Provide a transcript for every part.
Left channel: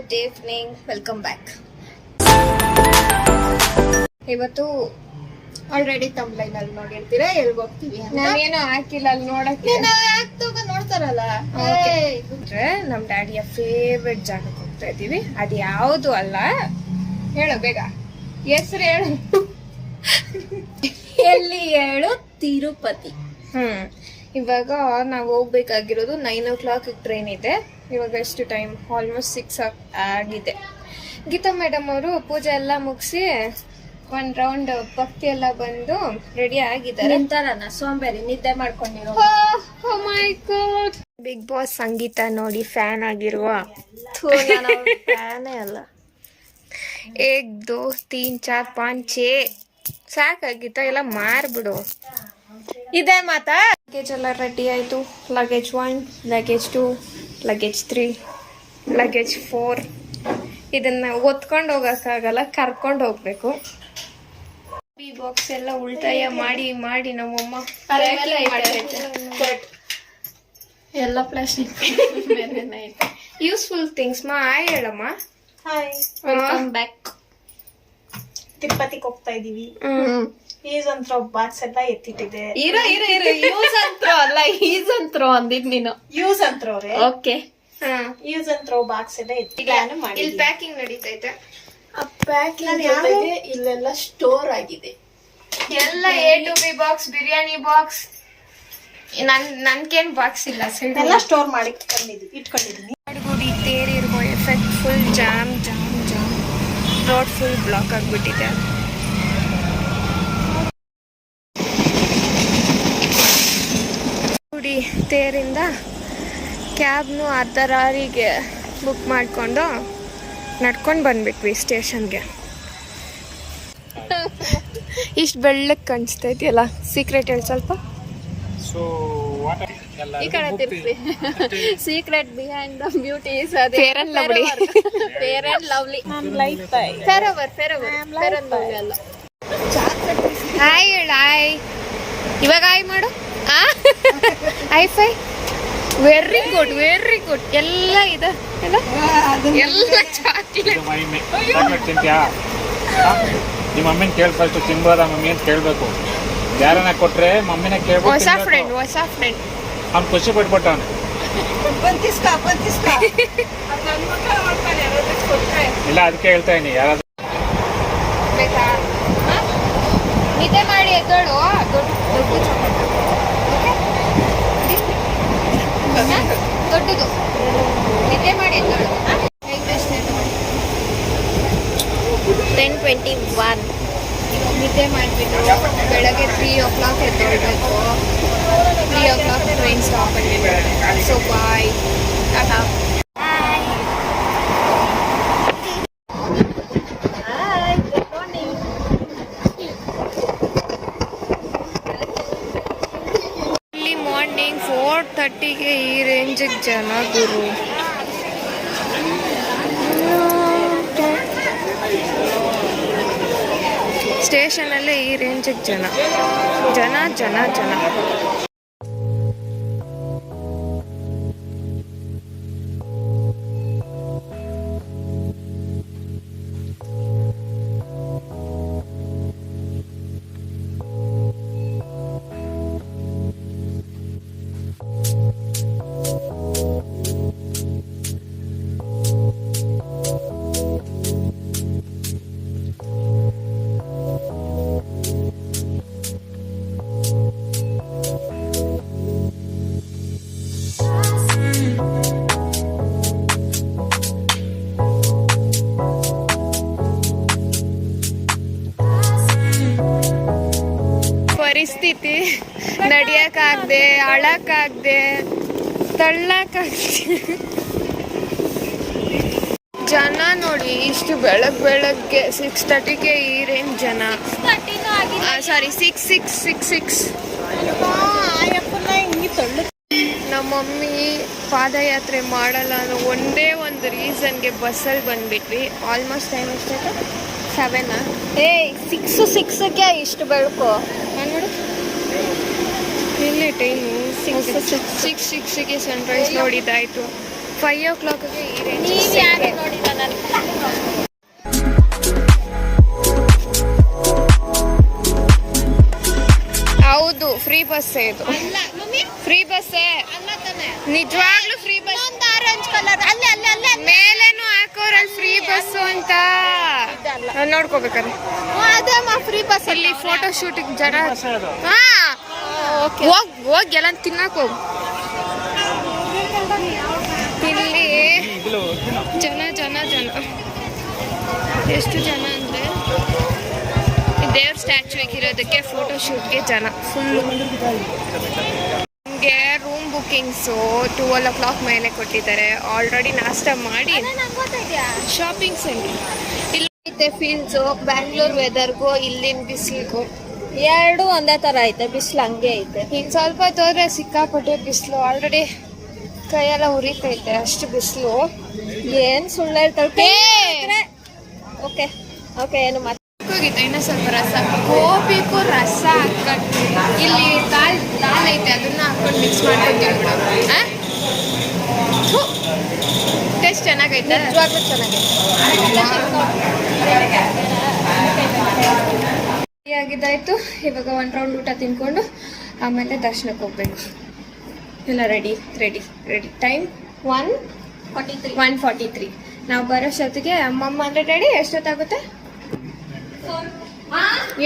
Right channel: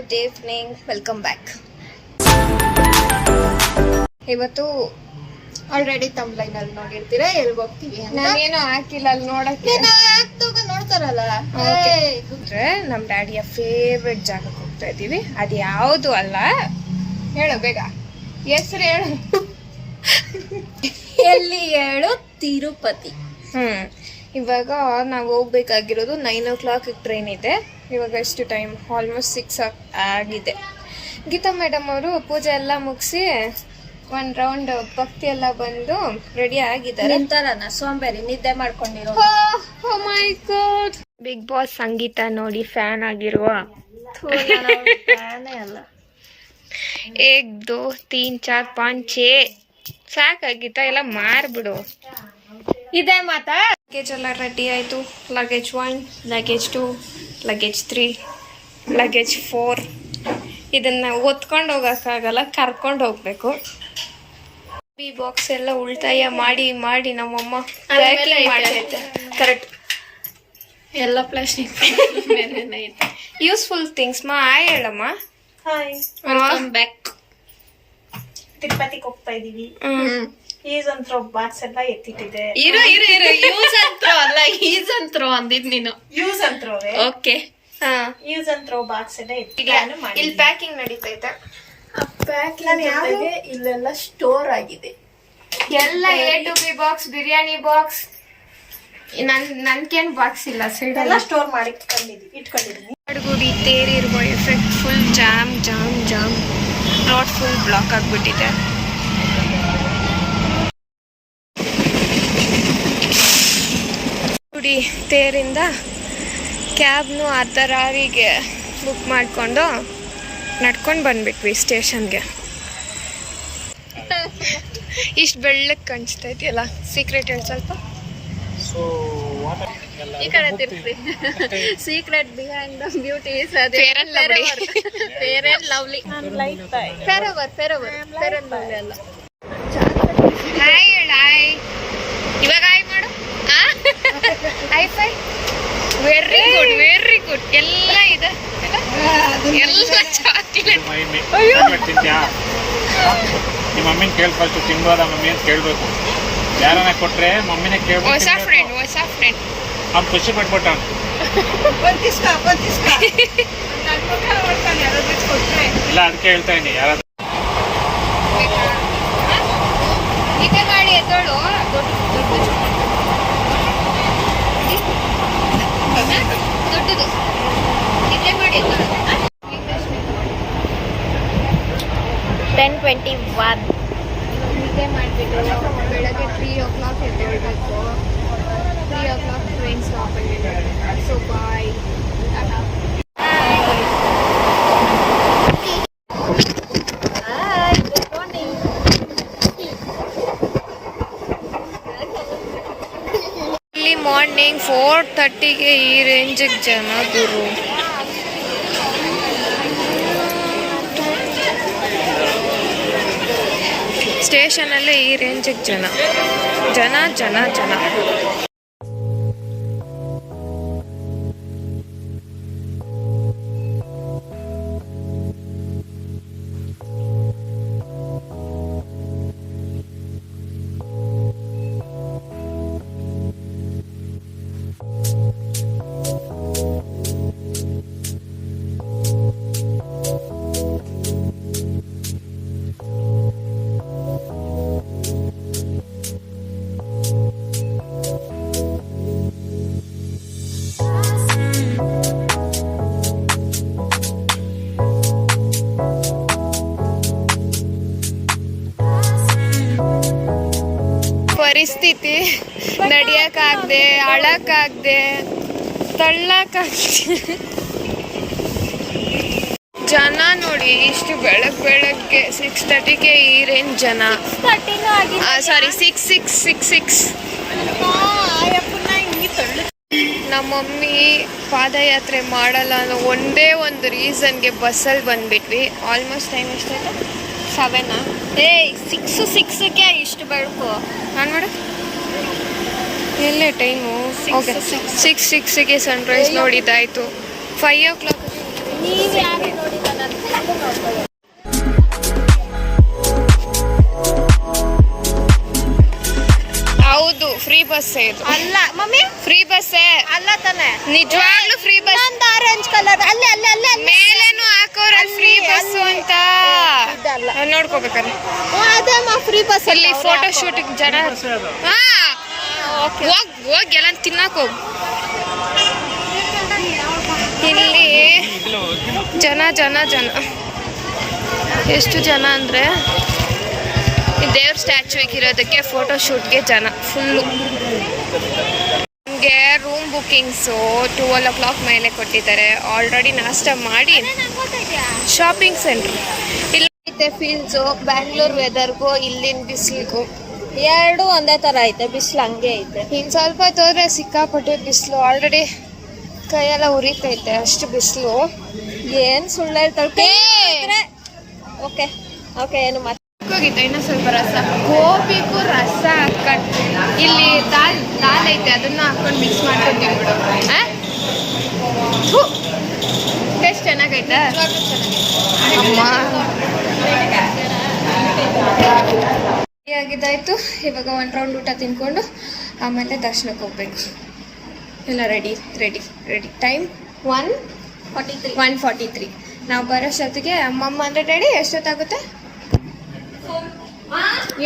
Good evening, welcome back. ಇವತ್ತು already ತಮ್ಲೈನ್ ಅಲ್ಲಿ ನೋಡಿರ್ತೀರಾ ಎಲ್ಲಿ ಹೋಗ್ತೀವಿ. ನಾನೇನು ಹಾಕಿಲ್ಲ ಅಲ್ಲಿ ನೋಡಕ್ಕೆ, ನೋಡ್ತಾರಲ್ಲ. ನಮ್ ಡ್ಯಾಡಿಯ ಫೇವ್ರೆಟ್ ಜಾಗಕ್ಕೆ ಹೋಗ್ತಾ ಇದೀವಿ. ಅದು ಯಾವುದು ಅಲ್ಲ, ಹೇಳು ಬೇಗ ಹೆಸರು ಹೇಳು. ಎಲ್ಲಿ ಹೇಳು? ತಿರುಪತಿ. ಇವಾಗ ನಾವು ಹೋಗ್ಬೇಕಾಗಿರೋದು 9 ಟ್ರೈನ್ ಇದೆ. ಇವಾಗ ಎಷ್ಟು ಟೈಮ್? ಆಲ್ಮೋಸ್ಟ್ 6 ಆಗಿದೆ. ಗೀತಾ ಮೇಡಮ್ ಅವರು ಪೂಜೆ ಎಲ್ಲ ಮುಗಿಸಿ ಒಂದ್ ರೌಂಡ್ ಭಕ್ತಿ ಎಲ್ಲ ಬಂದು ರೆಡಿ ಆಗಿದ್ದಾರೆ. ಸೋಂಬೇರಿ ನಿದ್ದೆ ಮಾಡ್ಕೊಂಡಿರೋ. ಮೈ ಗಾಡ್. ಬಿಗ್ ಬಾಸ್ ಸಂಗೀತ ನೋಡಿ ಫ್ಯಾನ್ ಆಗಿರುವ ಫ್ಯಾನೇ ಅಲ್ಲ. 1 2 3 4 5 6 ಸಾಕಾಗಿತ್ತ, ಎಲ್ಲ ಮಾರ್ಬಿಡು. ಇದೇ ಮಾತಾ. ಲಗೇಜ್ ಎಲ್ಲ ರೆಡಿ ಆಯ್ತು. Luggage 1, luggage 2, luggage 3, luggage 4. ಇದನ್ನ ಒತ್ಕೊಂಡು ಹೋಗಕ್ಕಾಗಲ್ಲ, ಕರ್ಕೊಂಡು ಹೋಗ್ಬೇಕು. ಈ ಬಾಕ್ಸ್ ಎಲ್ಲ ಉಳಿತಾಯ ಮಾಡಿ ಮಾಡಿ ನಮ್ಮಮ್ಮ ಪ್ಯಾಕಿಂಗ್ ಮಾಡ್ತೈತೆ. ಕರೆಕ್ಟ್, ಎಲ್ಲ ಪ್ಲಾಸ್ಟಿಕ್ ಯೂಸ್ಫುಲ್ ಥಿಂಗ್ಸ್. ಹಾಯ್ ಹೇಳಮ್ಮ. Hi, welcome back. ತಿರುಪತಿಗೆ ಹೋಗ್ತಾ ಇದೀವಿ. ಈಸ್ ಅಂತ ಬಾಕ್ಸ್ ಎಲ್ಲ ಎತ್ತಿಟ್ಟಿದೆ. ಇರು ಯೂಸ್ ಅಂತ ಅಲ್ಲ, ಈಸ್ ಅಂತ ಅಂದಿದ್ ನೀನು. ಯೂಸ್ ಅಂತ್ರೋರೆ. ಓಕೆ. ಯೂಸ್ ಅಂತ ಬಾಕ್ಸ್ ಎಲ್ಲ ಇಲ್ಲಿ ಪ್ಯಾಕಿಂಗ್ ನಡೀತೈತೆ. ಆ ಪ್ಯಾಕಿಂಗ್ ಜೊತೆಗೆ ಇಲ್ಲೆಲ್ಲ ಸ್ಟೋರ್ ಆಗಿದೆ. ಎಲ್ಲ A to B box, biryani box. ನನ್ಗೇನ್ ಬಾಕ್ಸ್ ಇಲ್ಲ, ಎಲ್ಲ ಸ್ಟೋರ್ ಮಾಡಿ ಇಟ್ಕೊಂಡಿದ್ದೀನಿ. ಅಡುಗುಡಿ ತೇರಿರುವ effect. Full jam jam jam. Road full block ಆಗ್ಬಿಟ್ಟಿದೆ. ಗುಡಿ ತೇರಿಂದ ಕ್ಯಾಬ್ನು ಅರ್ಧ ರಾರಿಗೆ ಬುಕ್ ಮಾಡಿಕೊಂಡು ನಡ್ಕೊಂಡು ಬಂದ್ಬಿಟ್ವಿ ಸ್ಟೇಷನ್ಗೆ. ಇಷ್ಟು ಬೆಳ್ಳಕ್ಕೆ ಕಾಣಿಸ್ತೈತಿಯಲ್ಲ. ಸೀಕ್ರೆಟ್ ಹೇಳಿ ಸ್ವಲ್ಪ. ಈ ಕಡೆ ತಿರ್ಸಿ. Secret behind the beauty is Fair and Lovely. Fair and Lovely. Fair and Lovely ಅಲ್ಲ. ಹಾಯ್ ಹೇಳ. ಹಾಯ್. ಇವಾಗ ಹಾಯ್ ಮಾಡು. High five. Very good, very good. ಎಲ್ಲ ಇದೆ, ಎಲ್ಲ ಚಾಕ್ಲೇಟ್. ನಿಮ್ಮ ಮಮ್ಮಿನ ಕೇಳಿ ಫಸ್ಟ್ ತಿನ್ಬೋದ ಮಮ್ಮಿ ಅಂತ ಕೇಳ್ಬೇಕು. ಯಾರನ್ನ ಕೊಟ್ರೆ ಮಮ್ಮಿನ ಕೇಳ್ಬೇಕು. ಹೊಸ ಫ್ರೆಂಡ್ ನಮ್ ಖುಷಿ ಬಿಟ್ಬಿಟ್ಟ. ಇಲ್ಲ ಅದಕ್ಕೆ ಹೇಳ್ತಾ ಇದೀನಿ. ಯಾರಾದ್ರೂ ನಿದ್ದೆ ಮಾಡಿ ಎದ್ದೋಳು. ದೊಡ್ಡದು ನಿದ್ದೆ ಮಾಡಿ ಎದ್ದೋಳು. 10:21 ನಿದ್ದೆ ಮಾಡಿಬಿಟ್ಟು ಬೆಳಗ್ಗೆ 3 o'clock ಎದ್ದೋಳ್ಬೇಕು. 3 o'clock ಟ್ರೈನ್ ಸ್ಟಾಪ್ ಆಗಿದೆ. ಸೊ ಬಾಯ್, ಟಾಟಾ. ಇಲ್ಲಿ ಮಾರ್ನಿಂಗ್ 4:30ಗೆ ಈ ರೇಂಜಿಗೆ ಜನ ಗುರು. ಸ್ಟೇಷನಲ್ಲೇ ಈ ರೇಂಜಿಗೆ ಜನ ಜನ ಜನ ಜನ. ಪರಿಸ್ಥಿತಿ ನಡಿಯಕ್ಕಾಗದೆ, ಅಳಕ್ಕಾಗದೆ, ತಳ್ಳಕ್ಕಾಗದೆ. ಜನ ನೋಡಿ ಇಷ್ಟು ಬೆಳಗ್ಗೆ 6:30ಗೆ ಈ ರೇಂಜ್ ಜನ. ಸಾರಿ 6:66. ನಮ್ಮ ಮಮ್ಮಿ ಪಾದಯಾತ್ರೆ ಮಾಡಲ್ಲ ಅನ್ನೋ ಒಂದೇ ಒಂದು ರೀಸನ್ಗೆ ಬಸ್ಸಲ್ಲಿ ಬಂದ್ಬಿಟ್ವಿ. ಆಲ್ಮೋಸ್ಟ್ ಟೈಮ್ ಎಷ್ಟಾಯ್ತು? 7. 6:06ಗೆ ಇಷ್ಟು ಬೆಳಕು. ನಾನು ಮಾಡು ಎಲ್ಲೇ ಟೈಮು. 6:06ಗೆ ಸನ್ರೈಸ್ ನೋಡಿದ್ದಾಯ್ತು. 5 o'clockಗೆ ನೀವು ಯಾರು ನೋಡಿಲ್ಲ. ಬಸ್ಸೇ ಇದು. ಅಲ್ಲ ಮಮ್ಮಿ, ಫ್ರೀ ಬಸ್ಸೇ ಅಲ್ಲ ತಾನೆ. ನಿಜವಾಗ್ಲೂ ಫ್ರೀ ಬಸ್. ಆರೆಂಜ್ ಕಲರ್ ಅಲ್ಲಿ ಅಲ್ಲಿ ಅಲ್ಲಿ ಅಲ್ಲಿ. ಮೇಲೇನು ಹಾಕೋರಲ್ ಫ್ರೀ ಬಸ್ ಅಂತ ನೋಡ್ಕೋಬೇಕಾರೆ. ಅದೇ ಫ್ರೀ ಬಸ್. ಇಲ್ಲಿ ಫೋಟೋ ಶೂಟ್ ಜನ. ಹಾ ಹೋಗಿ ಎಲ್ಲ ತಿನ್ನಕ್ ಹೋಗು. ಇಲ್ಲಿ ಜನ ಜನ ಜನ ಎಷ್ಟು ಜನ ಅಂದರೆ ದೇವ್ರ ಸ್ಟ್ಯಾಚ್ಯೂಗೆ ಇರೋದಕ್ಕೆ ಫೋಟೋ ಶೂಟ್ಗೆ ಜನ ಫುಲ್ಲು. ನಮಗೆ ರೂಮ್ ಬುಕ್ಕಿಂಗ್ಸು 12 o'clock ಮೇಲೆ ಕೊಟ್ಟಿದ್ದಾರೆ. ಆಲ್ರೆಡಿ ನಾಷ್ಟ ಮಾಡಿ ಶಾಪಿಂಗ್ ಸೆಂಟ್ರ್ ಇಲ್ಲೈತೆ. ಫೀಲ್ಸು ಬ್ಯಾಂಗ್ಳೂರ್ ವೆದರ್ಗೂ ಇಲ್ಲಿನ ಬಿಸಿಲಿಗೂ ಎರಡು ಒಂದೇ ತರ ಐತೆ. ಬಿಸಿಲು ಹಂಗೆ ಐತೆ. ಇನ್ನು ಸ್ವಲ್ಪ ತೋದ್ರೆ ಸಿಕ್ಕಾಪಟ್ಟೆ ಬಿಸಿಲು. ಆಲ್ರೆಡಿ ಕೈಯೆಲ್ಲ ಉರಿತೈತೆ, ಅಷ್ಟು ಬಿಸಿಲು. ಏನ್ ಸುಳ್ಳು ಹೇಳ್ತಾರೆ. ಓಕೆ ಓಕೆ, ಏನು ಮತ್ತೆ ಹೋಗಿತ್ತು ಇನ್ನೂ ಸ್ವಲ್ಪ ರಸ. ಗೋಬಿಗೂ ರಸ ಹಾಕೊಂಡು ಇಲ್ಲಿ ದಾಲ್ ಐತೆ, ಅದನ್ನ ಹಾಕೊಂಡು ಮಿಕ್ಸ್ ಮಾಡ್ಕೊಂಡು ತಿನ್ಬಿಡು. ಟೇಸ್ಟ್ ಚೆನ್ನಾಗೈತೆ. ಆಗಿದ್ದಾಯ್ತು. ಇವಾಗ 1 ರೌಂಡ್ ಊಟ ತಿನ್ಕೊಂಡು ಆಮೇಲೆ ದರ್ಶನಕ್ಕೆ ಹೋಗ್ಬೇಕು. ಇಲ್ಲ ರೆಡಿ ರೆಡಿ ರೆಡಿ. ಟೈಮ್ 1:43. ನಾವು ಬರೋಷ್ಟೊತ್ತಿಗೆ ಅಮ್ಮಮ್ಮ ಅಂದರೆ ಡ್ಯಾಡಿ ಎಷ್ಟೊತ್ತಾಗುತ್ತೆ?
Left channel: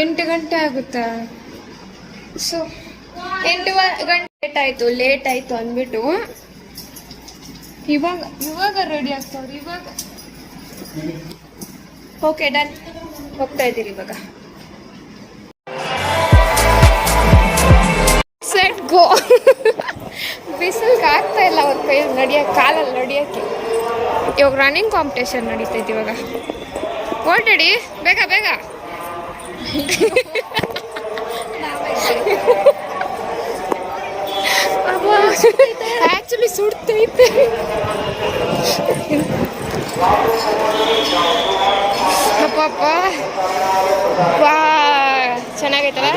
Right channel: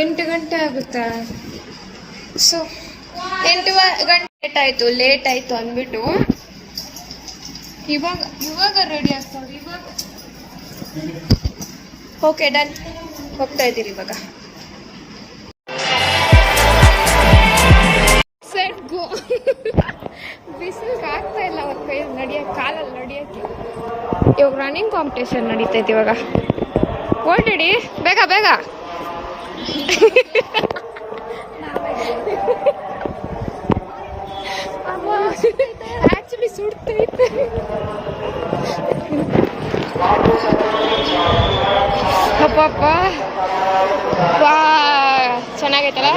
8 ಗಂಟೆ ಆಗುತ್ತಾ? ಸೊ 8 ಗಂಟೆ ಲೇಟ್ ಆಯಿತು ಅಂದ್ಬಿಟ್ಟು ಇವಾಗ ರೆಡಿ ಆಗ್ತಾರೆ. ಇವಾಗ ಓಕೆ ಡನ್, ಹೋಗ್ತಾ ಇದ್ದೀರಿ ಇವಾಗ. Set go. ಬಿಸಿಲಿಗೆ ಆಗ್ತಾ ಇಲ್ಲ ಅವ್ರ ಕೈ ನಡಿಯೋಕ್ಕೆ, ಕಾಲಲ್ಲಿ ನಡಿಯೋಕ್ಕೆ. ಇವಾಗ ರನ್ನಿಂಗ್ ಕಾಂಪಿಟೇಷನ್ ನಡೀತೈತೆ ಇವಾಗ. ಓಲ್ರೆಡಿ ಬೇಗ ಬೇಗ. ಆಕ್ಚುಲಿ ಸುಡ್ತೈತೆ. ಅಪ್ಪಪ್ಪ ವಾ ಚೆನ್ನಾಗೈತಲ್ಲ.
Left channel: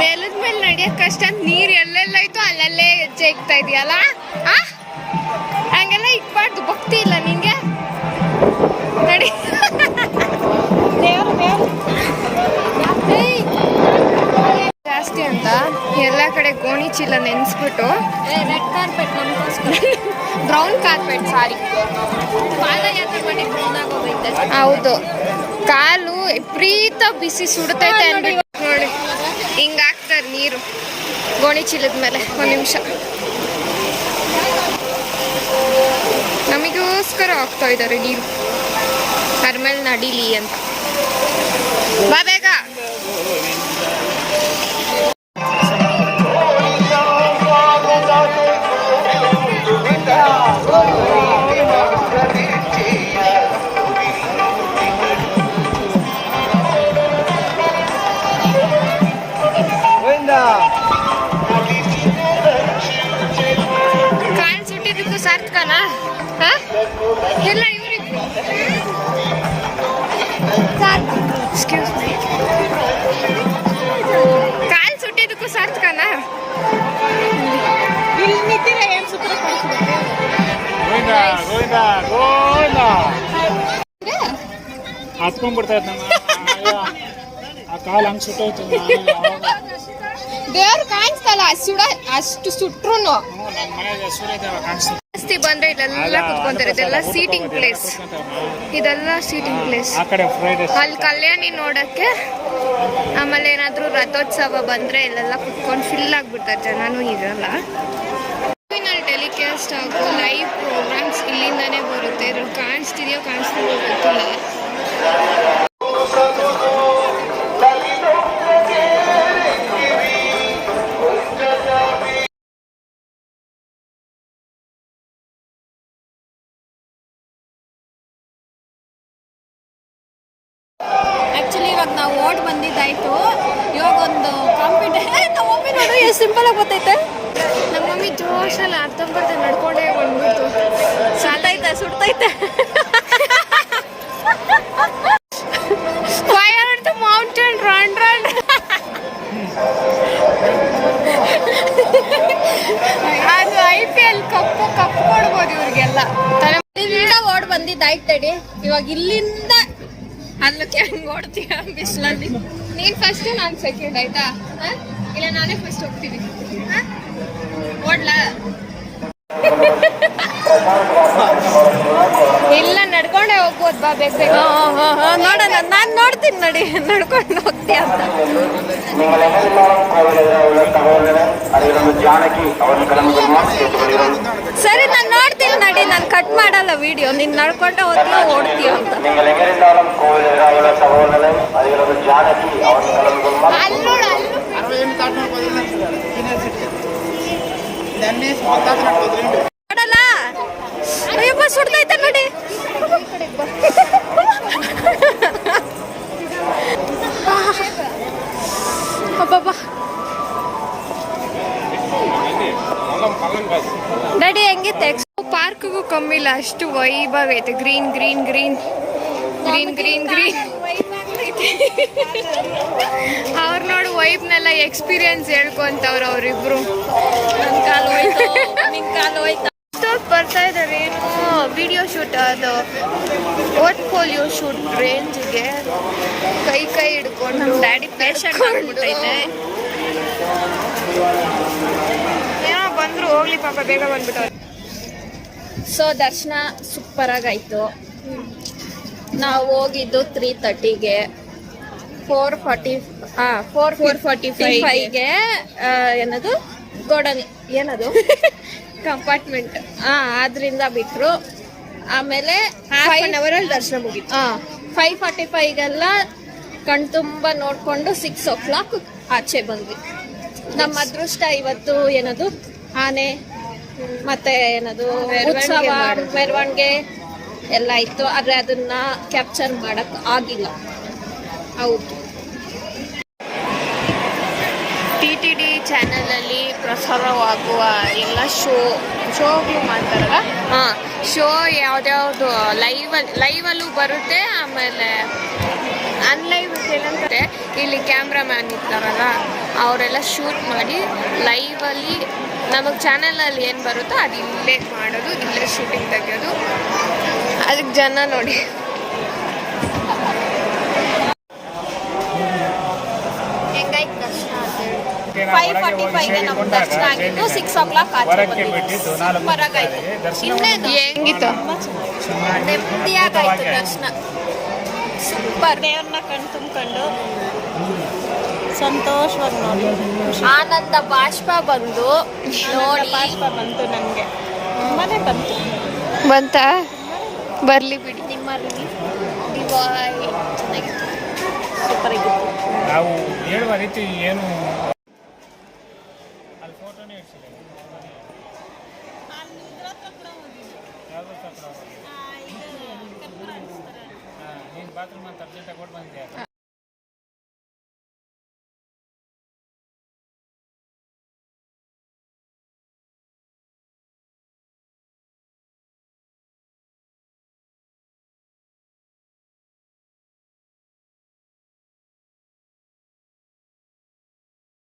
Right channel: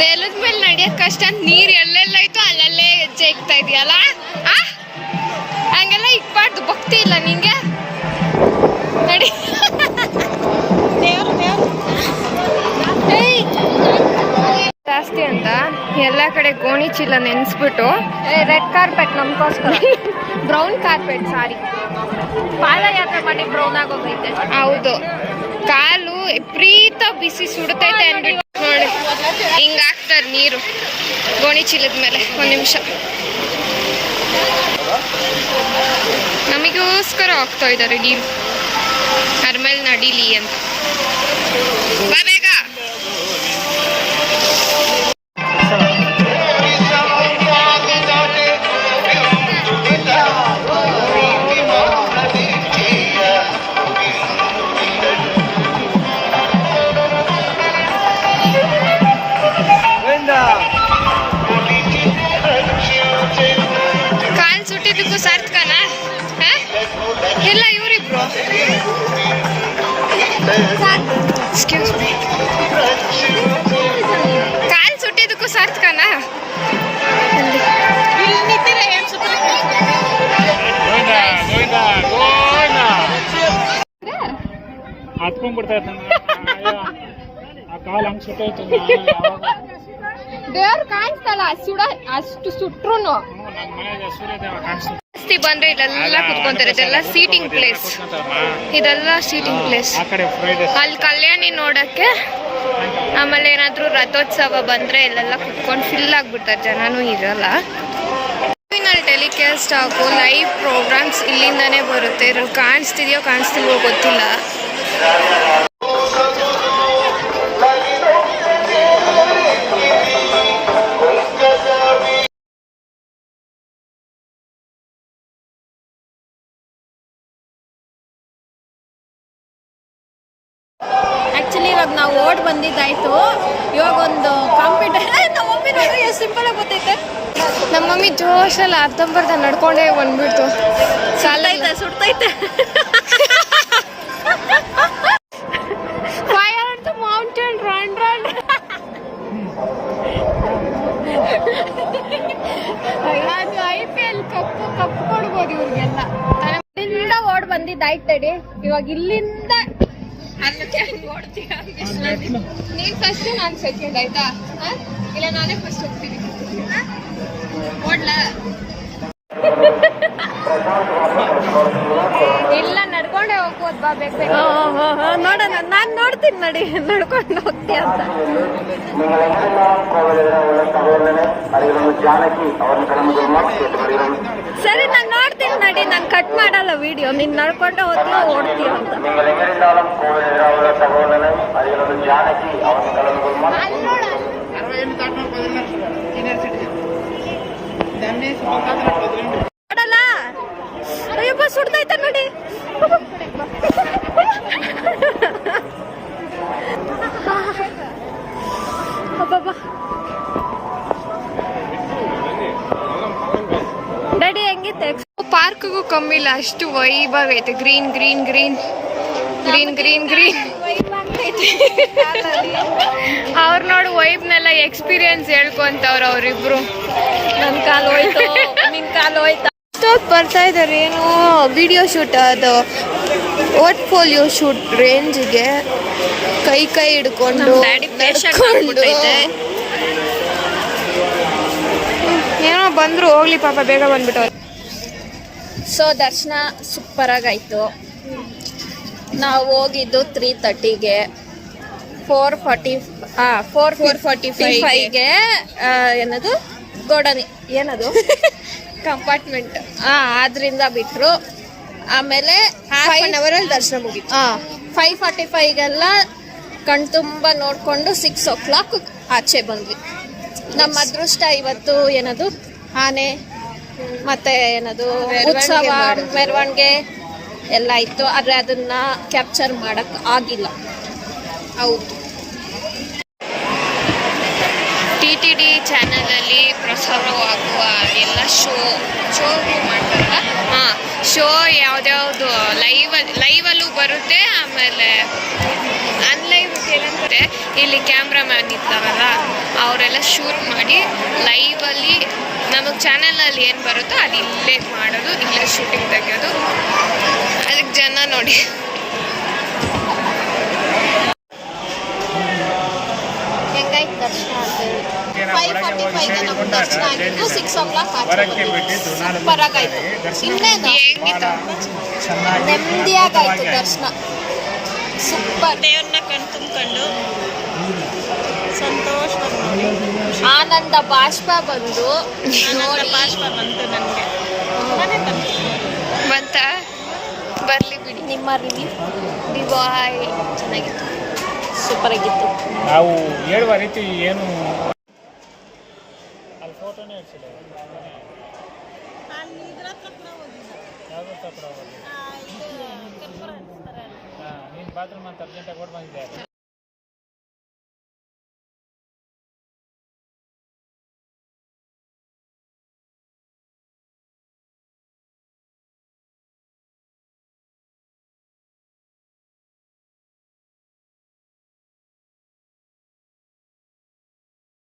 ನೆಲದ ಮೇಲೆ ನಡಿಯಕ್ ಕಷ್ಟ. ನೀರು ಎಲ್ಲೆಲ್ಲೈತೋ ಅಲ್ಲಲ್ಲೇ ಹೆಜ್ಜೆ ಇಕ್ತಾ ಇದೆಯಲ್ಲ. ಹಂಗೆಲ್ಲ ಇಕ್ಬಾರ್ದು, ಭಕ್ತಿ ಇಲ್ಲ ನಿಂಗೆ. ನಡಿ. ಜಾಸ್ತಿ ಅಂತ ಎಲ್ಲ ಕಡೆ ಗೋಣಿ ಚೀಲ ನೆನೆಸ್ಬಿಟ್ಟು ರೆಡ್ ಕಾರ್ಪೆಟ್ ನಮ್ಗೋಸ್ಕರ. ಬ್ರೌನ್ ಕಾರ್ಪೆಟ್ ಸಾರಿ ಪಾದಯಾತ್ರೆ ಮಾಡಿ ಬ್ರೌನ್ ಆಗೋಗೈತೆ. ಹೌದು, ಕಾಲು ವಿಪರೀತ ಬಿಸಿ ಸುಡ್ತೈತೆ ಅಂದ್ಬಿಟ್ಟು ನೋಡಿ ಹಿಂಗ ಹಾಕ್ತಾರೆ ನೀರು ಗೋಣಿ ಚೀಲದ ಮೇಲೆ. 1 ನಿಮಿಷ ನಮಗೋಸ್ಕರ ಹಾಕ್ತಾ ಇದ್ದಾರೆ ನೀರು, ಅದ್ರ ಮೇಲೆ ನಡೀಲಿ ಅಂತ. ಬಾ ಬೇಗ. ಕಾಲ್ ಸುಟ್ಟಿದ್ದಕ್ಕೂ ಸಾರ್ಥಕನ? ಎಲ್ಲ ಇವರಿಬ್ರು. ಎಕ್ಸ್ಕ್ಯೂಸ್ ಮೀ, ಕಾಲ್ ಸುಟ್ಟಿದ್ದಕ್ಕೂ ಸಾರ್ಥಕನ? ಹತ್ಕೊಂಡ್ಬಿಡ್ತಾಯ್ತು ಆ ಕಾಲು ಹಂಗೆ ಸುಟ್ಟೋಯ್ತು. ದೇವ್ರು ಕಾಣಿಸ್ತಲ್ಲ ಅಷ್ಟು ಸುಟ್ರು. ಜಾಸ್ತಿ ಬಂದ್ರೆ ಇಲ್ಲೆಲ್ಲ ಕುತ್ಕೊಂತಾರೆ. ಇದೆಲ್ಲ ಸೀಟಿಂಗ್ ಪ್ಲೇಸ್. ಇದೆಲ್ಲ ಸೀಟಿಂಗ್ ಪ್ಲೇಸ್. ಅಲ್ಲಿ ಕಲ್ಯಾಣಿ ನೋಡಕ್ಕೆ, ಆಮೇಲೆ ಏನಾದ್ರು ರಥೋತ್ಸವ ಬಂದ್ರೆ ಇಲ್ಲೆಲ್ಲ ಕುತ್ಕೊಂಡು ಫಿಲ್ ಆಗ್ಬಿಡ್ತಾರೆ, ಜನನೂ ಇರಲ್ಲ. ಟೆಲಿಕಾಸ್ಟ್ ಆಗೋ ಲೈವ್ ಪ್ರೋಗ್ರಾಮ್ಸ್ ಇಲ್ಲಿಂದಾನೇ ಬರುತ್ತೆ. ಇದ್ರಲ್ಲಿ ಕಾಣಿಸ್ತಿದೆಯೋ ಕಾಣಿಸ್ತಿಲ್ವೋ ಗೊತ್ತಿಲ್ಲ. ಆಕ್ಚುಲಿ ಇವಾಗ ನಾವು ಓಡ್ ಬಂದಿದ್ದಾಯ್ತು. ಇವಾಗ ಒಂದು ಕಾಂಪಿಟೇಷನ್. ನಮ್ಮ ಮಮ್ಮಿ ನೋಡ್ರಿ ಎಷ್ಟು ಸಿಂಪಲ್ ಆಗಿ ಗೊತ್ತೈತೆ. ನಮ್ಮ ಮಮ್ಮಿ ಜೋಶಲ್ಲಿ ಅರ್ಧಂಬರ್ಧ ನಡ್ಕೊಂಡೇ ಬಂದ್ಬಿಡ್ತು. ಸುಡ್ತೈತೆ. Fire the mountain run run. ಅದು IPL ಕಪ್ಪು ಕೊಡ್ಬೋದು ಇವ್ರಿಗೆಲ್ಲ. ಇಲ್ಲಿಂದ ಓಡ್ ಬಂದಿದ್ದಾಯ್ತು ತಡಿ. ಇವಾಗ ಇಲ್ಲಿಂದ ಅಲ್ಲಕ್ಕೆ ಹೆಂಗ್ ಓಡ್ತೀಯ ಬಿಸಿಲಲ್ಲಿ? ನೀನ್ ಫಸ್ಟ್ ನಾನು ಸೆಕೆಂಡ್ ಆಯ್ತಾ ಇಲ್ಲ ನಾನೇ ಫಸ್ಟ್ ಹೋಗ್ತೀನಿ ಓಡ್ಲ ಇಲ್ಲ ನಡ್ಕೊಂಡೆ ಹೋಗ್ಬೋದು ಬಾ ಬೇಕು ನೋಡೋಣ. ನಾನ್ ನೋಡ್ತೀನಿ ನಡಿ, ನಡ್ಕೊಂಡು ಹೋಗ್ತೀಯ ಅಂತ. ಸರಿ ನಾನು ನೋಡ್ತೀನಿ ನಡಿ, ನಾನು ಕಟ್ ಮಾಡಲ್ಲ ವಿಡಿಯೋ. ನೀನ್ ನಡ್ಕೊಂಡೆ ಹೋಗ್ತೀಯೋ ಓಡ್ತೀಯೋ ಅಂತ. ನೋಡಲ್ಲ, ಅಯ್ಯಪ್ಪ ಸುಡ್ತೈತೆ ನೋಡಿ. ಅಬ್ಬಬ್ಬಾ, ಡ್ಯಾಡಿ ಹೆಂಗಿತ್ತೆ? ಪಾರ್ಕ್ಗೂ ಕಮ್ಮಿ ಇಲ್ಲ, ಅಷ್ಟು ವೈಭಾಗ ಐತೆ. Green green green green green green ಅವ್ರು ನೋಡಿ ವೈಬ್ನೆಲ್ಲ ಎಕ್ಸ್ಪೀರಿಯನ್ಸ್ ಹೇಳ್ಕೊಂತವ್ರು ಅವರಿಬ್ರು. ಬರ್ತಾ ಇದಾರೆ ಏನು ವಿಡಿಯೋ ಶೂಟ್, ಅದು ಪೋರ್ಟ್ಫೋಲಿಯೋ ಶೂಟ್ ರೇಂಜ್ಗೆ ಕೈ ಕೈ ಹಿಡ್ಕೊಂಡು ಡ್ಯಾಡಿ ಪೇಷಂಟ್ ಆಗ್ಬಿಟ್ಟೈತೆ. ಏನೋ ಬಂದ್ರು ಹೋಗ್ಲಿ ಪಾಪ, ಬೇಗ ಬಂದ್ಬಿಟ್ಟು. ಸೊ ದರ್ಶನ ಸೂಪರ್ ಆಗಾಯ್ತು. ನಾವು ಹೋಗಿದ್ದು 3:30ಗೆ, 4:45ಗೆ ಏನದು ಗೋಡನಿ ಏನದು ಕಂಪಾರ್ಟ್ಮೆಂಟ್ ಆದ್ರಿಂದ ಬಿಟ್ರು. ಆಮೇಲೆ ದರ್ಶನ ಮುಗಿತು. 5:45ಗೆಲ್ಲ ಕಣ್ತುಂಬ ನೋಡ್ಕೊಂಡು 6 o'clock ಆಚೆ ಬಂದ್ವಿ. ನಮ್ಮ ಅದೃಷ್ಟ ಇವತ್ತು ಏನದು ಆನೆ ಮತ್ತೆ ಏನದು ಉತ್ಸವ ಮೆರವಣಿಗೆ ಎಲ್ಲ ಇತ್ತು, ಆದ್ರೆ ಅದನ್ನ ಕ್ಯಾಪ್ಚರ್ ಮಾಡಕ್ ಆಗಿಲ್ಲ. ಹೌದು, TTD ಚಾನಲಲ್ಲಿ ಪ್ರಸಾರವಾಗುವ ಎಲ್ಲ ಶೋಗಳು ಮಾಡ್ತಾರಲ್ಲ, ಶೋ ಯಾವ್ದ್ಯಾವ್ದು ಲೈವಲ್ಲೂ ಬರುತ್ತೆ. ಆಮೇಲೆ ಅನ್ಲೈವ್ ಏನಂತಾರೆ, ಇಲ್ಲಿ ಕ್ಯಾಮ್ರಾಮ್ಯಾನ್ ಇರ್ತಾರಲ್ಲ ಅವರೆಲ್ಲ ಶೂಟ್ ಮಾಡಿ ಲೈವಲ್ಲಿ ನಮಗೆ ಚಾನಲಲ್ಲಿ ಏನು ಬರುತ್ತೋ ಅದು ಇಲ್ಲೇ ಮಾಡೋದು, ಇಲ್ಲೇ ಶೂಟಿಂಗ್ ತೆಗೆಯೋದು. ಅದಕ್ಕೆ ಜನ ನೋಡಿ ಹೆಂಗಾಯ್ತು ದರ್ಶನ? 5:45ಗೆ ನಮ್ಗೆ ದರ್ಶನ ಆಗಿದ್ದು, 6 o'clock ಆಚೆ ಬಂದಿದ್ದು. ಸೂಪರ್ ಆಗಾಯ್ತು. ಇನ್ನೇನು ಹೆಂಗಿತ್ತು? ನೆಮ್ಮದಿಯಾಗಾಯ್ತು ದರ್ಶನ. ಸೂಪರ್. ದೇವ್ರನ್ನ ಕಣ್ ತುಂಬಿಕೊಂಡು ಆನಂದ ಬಾಷ್ಪ ಬಂದು ನೋಡಿ. ಬಂತು ನನಗೆ, ತುಂಬಾನೇ ಬಂತು. ಬಂತ ಬರ್ಲಿ ಬಿಡಿ. ನಿಮ್ಮ ರಿವ್ಯೂ ಬಾಯ್. ಚೆನ್ನಾಗಿತ್ತು, ಸೂಪರ್ ಆಗಿತ್ತು. ನಾವು ಹೇಳುವ ರೀತಿ ಏನು ಅಲ್ಲಿ ಫೋಟೋನೇ ಇಡ್ಸಿಲ್ಲ. ನೀನು ಬಾತ್ರೂಮ್ ಅಂತ ಅರ್ಜೆಂಟಾಗಿ ಕೊಟ್ಟು ಬಂದಿದ್ದೆ.